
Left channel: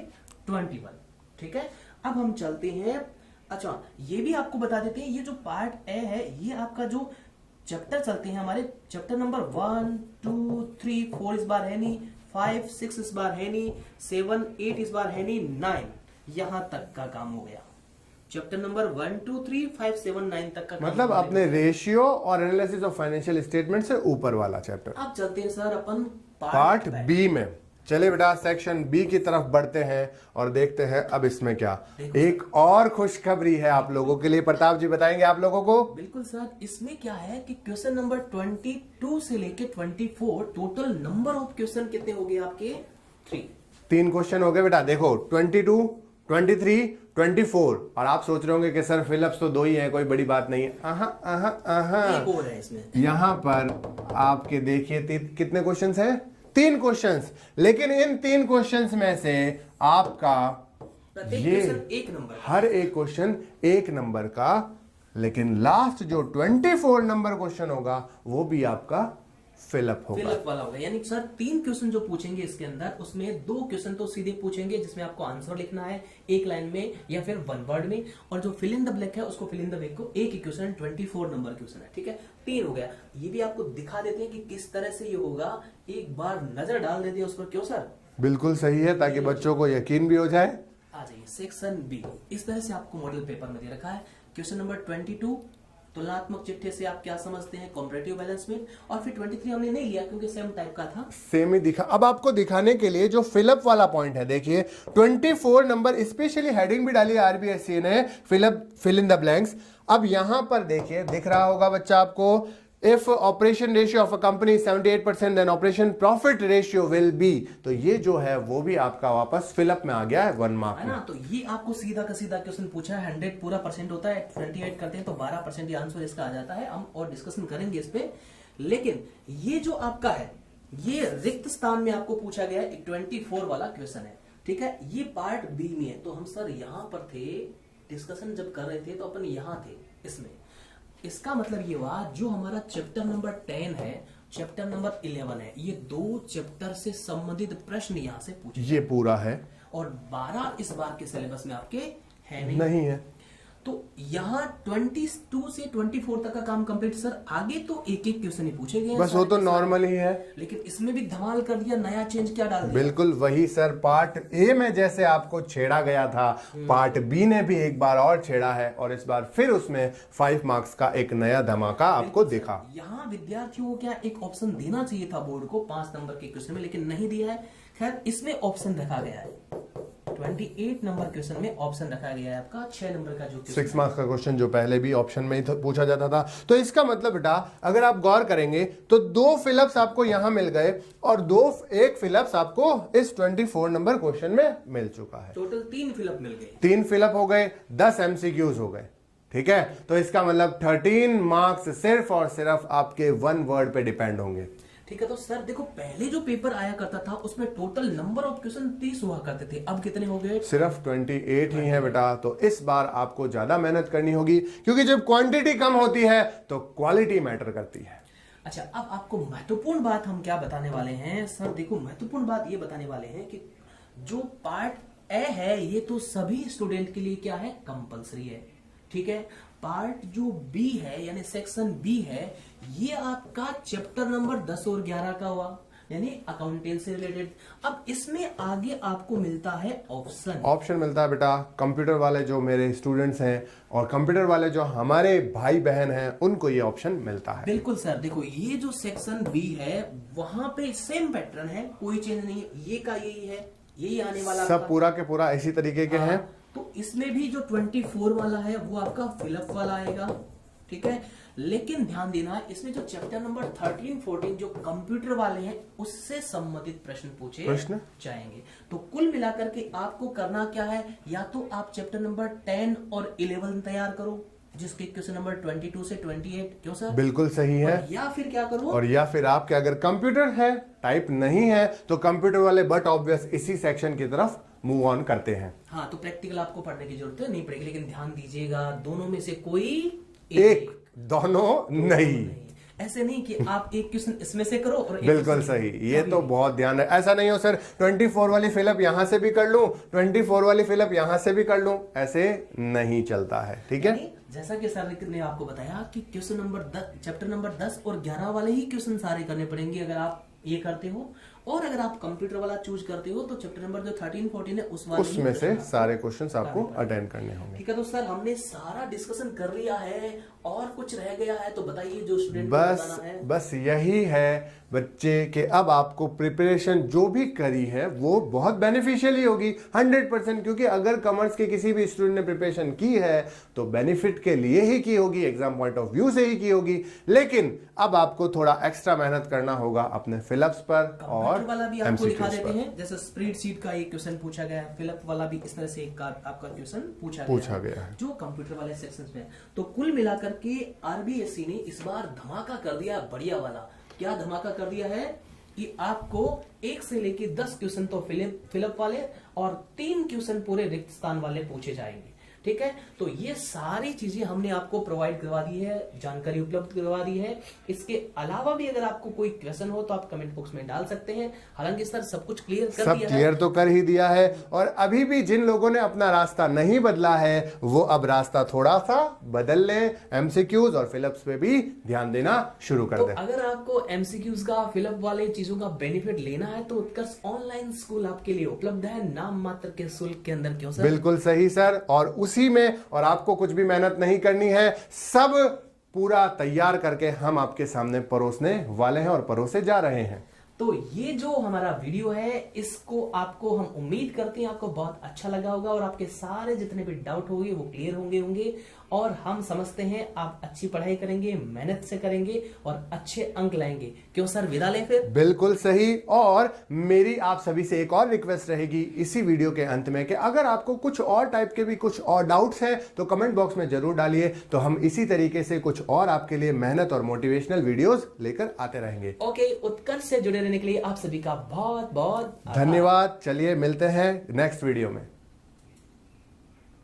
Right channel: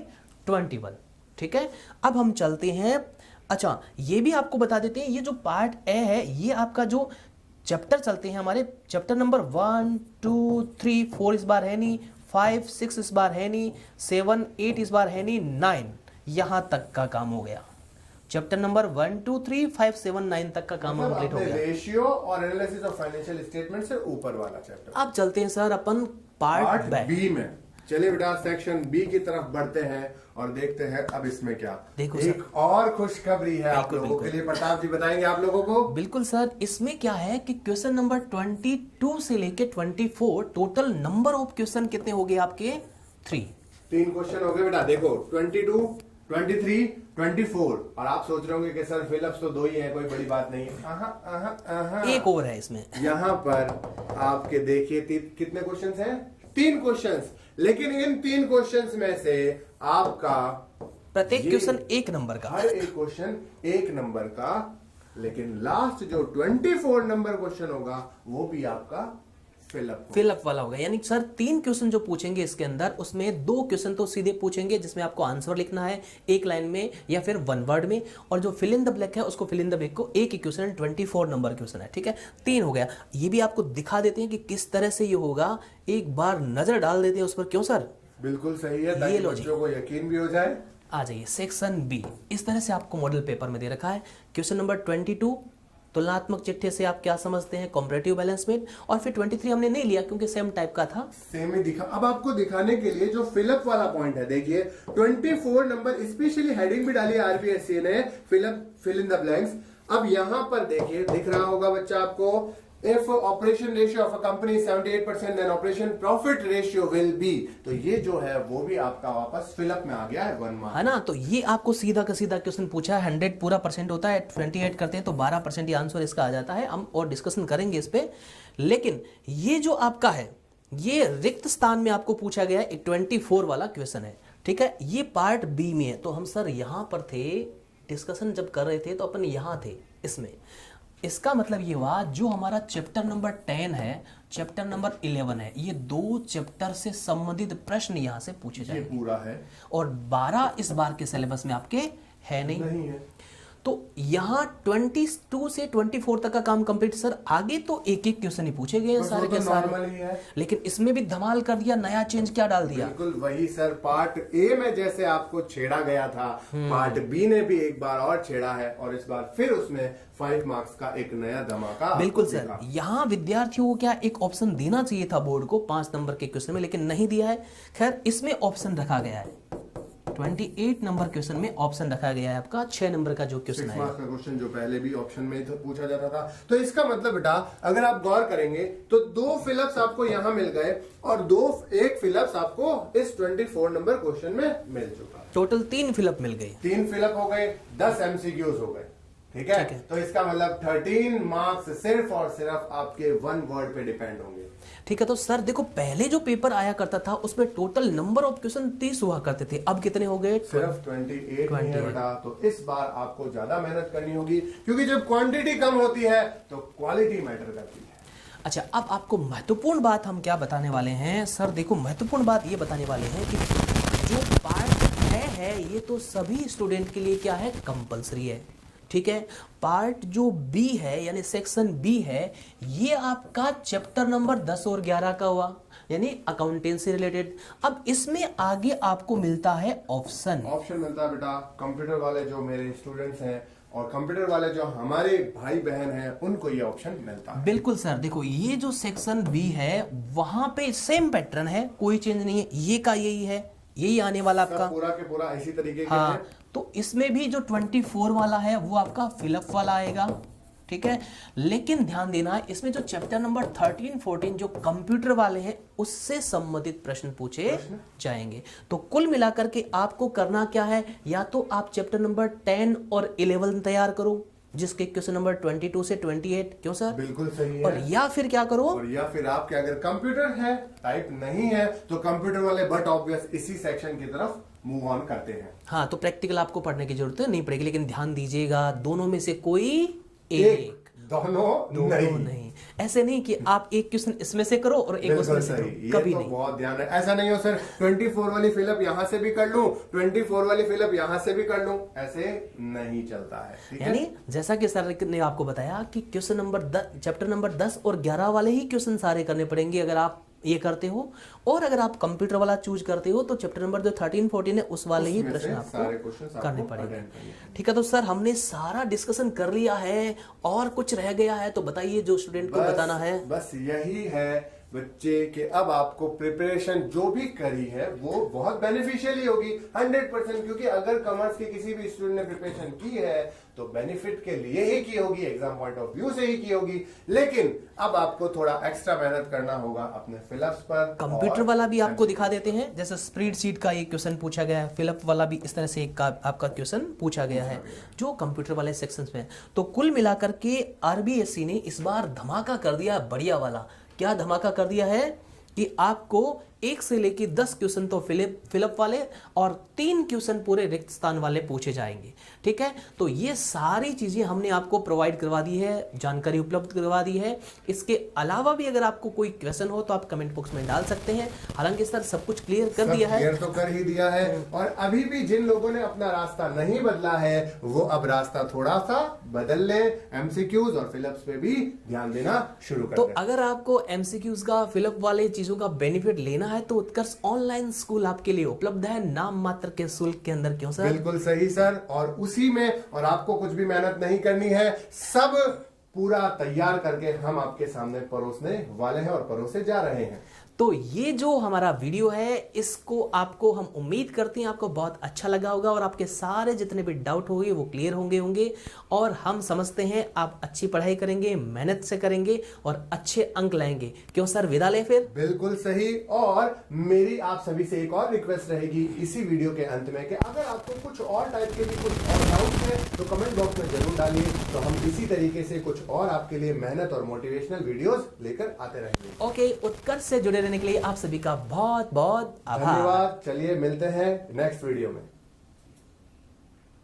21। ठीक है, अब हम चलते हैं। अच्छा ये भी आपको बता देते हैं, ये जो पार्ट ए है ये आपका जो चैप्टर चलते हैं हमारे चैप्टर नंबर 1 2 3 4 इस बार है नहीं, 5 6 इस बार है नहीं, 7 8 इस बार है नहीं, 9 यहां तक का काम हो गया। चैप्टर नंबर 1 2 3 5 7 9 तक का काम मतलब complete अपने हो गया। रेशियो और एनालिसिस ऑफ फाइनेंशियल स्टेटमेंट से ऊपर वाला चैप्टर। अब चलते हैं सर अपन पार्ट पार्ट बी में। चलिए बेटा सेक्शन बी की तरफ बढ़ते हैं और देखते हैं अब इसमें क्या। देखो एक और खुशखबरी है आप लोगों के लिए, प्रताप जी बताएंगे आप लोगों को। बिल्कुल सर, इसमें क्या है कि क्वेश्चन नंबर 22 से लेके 24 टोटल नंबर ऑफ क्वेश्चन कितने हो गए आपके 3। 3 क्वेश्चन हो गए बेटा। देखो 22 23 24 और आप सोच रहे होंगे कि सर फिलअप्स तो 2 ही है, कोई बड़ी बात नहीं है। एक और है इसमें। यहां पर आपके देखिए कितने क्वेश्चंस हैं 3 क्वेश्चंस, लेकिन इन 3 क्वेश्चंस में से आपका प्रत्येक ये क्वेश्चन 1 नंबर का, हर एक क्वेश्चन 1 नंबर का, लेकिन लास्ट जो 24 नंबर क्वेश्चन होगा वो भी आपका फिलअप होगा। फिलअप वाला होगा। यानी सर 3 क्वेश्चन जो पूछेंगे इसके अंदर उसमें 2 क्वेश्चन तो सीधे पूछेंगे जिसमें आपको आंसर लिखना है एक लाइन में या फिर 1 वर्ड में, और जो फिल इन द ब्लैंक है उसको फिल इन द ब्लैंक को एक ही क्वेश्चन 24 नंबर क्वेश्चन है। ठीक है, 3 हो गया। ये भी आपको दिखा देते हैं कि किस तरह से ये होगा, एक बार नजर डाल देते हैं उस पर। क्यों सर? बिल्कुल सही है, ताकि बच्चों को यकीन भी हो जाए। आ जाइए सेक्शन बी। इस तरह से आपको मॉडल पेपर में दे रखा है। क्वेश्चन नंबर 22 तुलनात्मक चिट्ठे से आप क्या समझते हैं, कॉम्परेटिव बैलेंस में, और फिर 23 हमने नहीं लिया क्योंकि सेम टाइप का था, सेम ही दिखा। अब आपको दिखाने के लिए जो फिलअप वाला पॉइंट है, देखिए 24 नंबर स्पेशली हेडिंग भी डाली है आरबीएससी ने, फिल इन द ब्लैंक्स। अब यहां पर देखिए दिख रहा होगा बच्चा आपको, if operation ratio of a company 78% then operation profit ratio will be. तो ये जो है वो भी आपका वापस फिलअप में आ गया है 1 मार्क है ना। तो ये आपको सीधा का सीधा क्वेश्चन पूछा है। 100 पूरा परसेंट होता है, 28 करते हैं तो 12% ही आंसर इसका आ जाता है। हम और डिस्कशन करेंगे इस पे, लेकिन ये जो आपका है ये रिक्त स्थान में आपको पूछा गया है, 24 वाला क्वेश्चन है। ठीक है, ये पार्ट बी में है। तो हम सर यहां पर थे, डिस्कशन जब कर रहे थे तो अपन यहां थे इसमें। इसका मतलब ये हुआ जो हमारा चैप्टर नंबर 10 है, चैप्टर नंबर 11 है, ये 2 चैप्टर से संबंधित प्रश्न यहां से पूछे ये पूरा है, और 12 इस बार के सिलेबस में आपके है नहीं है। तो यहाँ 22 से 24 तक का काम कंप्लीट सर। आगे तो एक एक क्वेश्चन ही पूछे गए हैं बस वो सारे तो के सारे। नॉर्मल ही है, लेकिन इसमें भी धमाल कर दिया, नया चेंज क्या डाल दिया। बिल्कुल वही सर। पार्ट ए में जैसे आपको छेड़ा गया था, पार्ट बी ने भी एक बार और छेड़ा है, और इस बार फिर उसमें 5 मार्क्स का एक नया धमाका आपको बिल्कुल दिखा। सर, यहाँ विद्यार्थियों को क्या एक ऑप्शन देना चाहिए था बोर्ड को 5 नंबर के क्वेश्चन में, लेकिन नहीं दिया है। खैर इसमें ऑप्शन रखा गया है, 28 नंबर क्वेश्चन में ऑप्शन रखा गया है आपका 6 नंबर का जो क्वेश्चन 6 मार्क्स का क्वेश्चन जो पहले भी ऑप्शन में ही पूछा जाता था। तो इसका मतलब बेटा अगर आप गौर करेंगे तो 2 फिलअप्स आपको यहां मिल गए, और 1 फिलअप्स आपको इस 24 नंबर क्वेश्चन में मिल चुका है। टोटल 3 फिलअप मिल गए, 3 फिलअप हो गए, 10 एमसीक्यूज हो गए। ठीक है, तो इसका मतलब 13 मार्क्स सिर्फ और सिर्फ आपके 1 वर्ड पे डिपेंड होंगे। ठीक है। तो सर देखो पहले जो पेपर आया करता था उसमें टोटल नंबर ऑफ क्वेश्चन 30 हुआ करते थे, अब कितने हो गए? सिर्फ 28 ही है बेटा। तो इस बार आपको ज्यादा मेहनत करनी होगी, क्योंकि जब क्वांटिटी कम होती है तो क्वालिटी मैटर करती है। अच्छा, अब आपको महत्वपूर्ण बात हम क्या बताने वाले हैं सर? देखो महत्वपूर्ण बात ये बताने वाले हैं कि जो पार्ट ए है ये तो सभी स्टूडेंट के लिए क्या है, कंपलसरी है। ठीक है, पार्ट जो बी है यानी सेक्शन बी है, ये आपका चैप्टर नंबर 10 और 11 का हुआ, यानी अकाउंटेंसी रिलेटेड। अब इसमें आगे आपको मिलता है ऑप्शन मिलता है बेटा। कंप्यूटर वाले जो मेरे स्टूडेंट्स हैं और कंप्यूटर वाले जो हमारे भाई बहन हैं उनको ये ऑप्शन मिलता है। बिल्कुल सर, देखो ये जो सेक्शन बी है वहां पे सेम पैटर्न है, कोई चेंज नहीं है, ये का यही है, यही आने वाला सब आपका पूरा के पूरा इसी तरीके के हैं। तो इसमें भी जो 24 वाला है वो आपका फिलअप वाला आएगा। ठीक है। लेकिन ध्यान देना है, इसमें जो चैप्टर नंबर 13 14 जो कंप्यूटर वाले हैं उससे संबंधित प्रश्न पूछे जाएंगे। तो कुल मिलाकर के आपको करना क्या है, या तो आप चैप्टर नंबर 10 और 11 तैयार करो जिसके क्वेश्चन नंबर 22 से 28, क्यों सर? बिल्कुल सही है। और या फिर क्या करो, और या फिर आपके अगर कंप्यूटर है, टाइप नहीं है, तो कंप्यूटर वाले बट ऑब्वियस इसी सेक्शन की तरफ मूव ऑन करते हैं। हाँ, तो प्रैक्टिकल आपको पढ़ने की जरूरत नहीं पड़ेगी, लेकिन ध्यान दीजिएगा दोनों में से कोई एक, दोनों नहीं। ऐसे नहीं कि आप एक क्वेश्चन इसमें से करो और एक बिल्कुल सही, ये तो बहुत ध्यान है। ऐसा नहीं हो सर 24 वाली फिलअप यहां से भी कर लूं, 24 वाली फिलअप यहां से भी कर लूं, ऐसे नहीं चलता है, ठीक है। जैसा कि सर ने आपको बताया कि क्वेश्चन नंबर 10 चैप्टर नंबर 10 और 11 वाले ही क्वेश्चन सारे करने पड़ेंगे अगर आप ये करते हो, और अगर आप कंप्यूटर वाला चूज करते हो तो चैप्टर नंबर जो 13 14 है उस वाले ही से सारे क्वेश्चंस आपको अटेंड करने हैं। ठीक है, तो सर हमने सारा डिस्कशन कर लिया है, और कुछ रह गया है तो बताइए जो स्टूडेंट को बताना है। बस यही है बच्चे के अब आपको प्रिपरेशन जो भी करी है वो बहुत बेनिफिशियल ही होगी 100%, क्योंकि अगर कॉमर्स के किसी भी स्टूडेंट ने प्रिपरेशन की है तो बेनिफिट के लिए ही की होगी, एग्जाम पॉइंट ऑफ व्यू से ही की होगी। लेकिन अब आपको थोड़ा एक्स्ट्रा मेहनत करना होगा अपने फिलअप्स पर। कंप्यूटर वाला भी आपको दिखा देते हैं, जैसे स्प्रेडशीट का एक क्वेश्चन पूछा गया है, फिलअप वाला भी इस तरह से एक आपका क्वेश्चन पूछा गया है जो कंप्यूटर वाले सेक्शंस में है। तो कुल मिलाकर के आरबीएससी ने इस बार धमाका कर दिया है, बढ़िया वाला। क्या धमाका कर दिया है कि आपको 1 से लेकर 10 क्वेश्चन तो फिलअप वाले और 3 क्वेश्चन पूरे रिक्त स्थान वाले पूछे जाएंगे, ठीक है। तो ये सारी चीजें हमने आपको प्रोवाइड करवा दी है, जानकारी उपलब्ध करवा दी है। इसके अलावा भी अगर आपको कोई क्वेश्चन हो तो आप कमेंट बॉक्स में डाल सकते हैं। हालांकि सर सब कुछ क्लियर कर दिया है, क्लियर तो कर ही दिया है। और अभी भी जिन लोगों ने अपना रास्ता नहीं बदला है वो अब रास्ता थोड़ा सा बदल ले, एमसीक्यूज और फिलअप्स पे भी ध्यान देना शुरू कर दे। तो अगर आपको एमसीक्यूज का फिलअप वाले चीजों का बेनिफिट लेना है तो उत्कर्ष ऑनलाइन स्कूल आपके लिए उपलब्ध है नाम मात्र के शुल्क के अंदर, क्यों सर? बिल्कुल सही सर, और उसी में और आपको कुछ भी मेहनत नहीं करनी है, सब पूरा तैयार करके हम आपके सामने परोसने वाले हैं और परोसे जा रहे हैं। तो ये जो हमारा वीडियो है इसको आपको हम उम्मीद करते हैं आपको बहुत अच्छा लगा होगा और आपके सारे जितने भी डाउट होंगे वो क्लियर होंगे और हम समझते हैं आप अच्छी पढ़ाई करेंगे, मेहनत से करेंगे और अच्छे अंक लाएंगे। क्यों सर, विदा ले फिर? बिल्कुल सही। और मेरी आप सभी से एक और रिक्वेस्ट रहेगी इसी वीडियो के अंत में कि अगर आपको कुछ और टाइप के भी कुछ और डाउट है तो कमेंट बॉक्स में जरूर डालिए, तो हम इसी तरीके से कुछ और आपके लिए मेहनत और मोटिवेशनल वीडियोस लेकर आते रहेंगे। ओके, उत्कर्ष से जुड़े रहने के लिए आप सभी का बहुत बहुत धन्यवाद। चलिए मिलते हैं नेक्स्ट वीडियो में।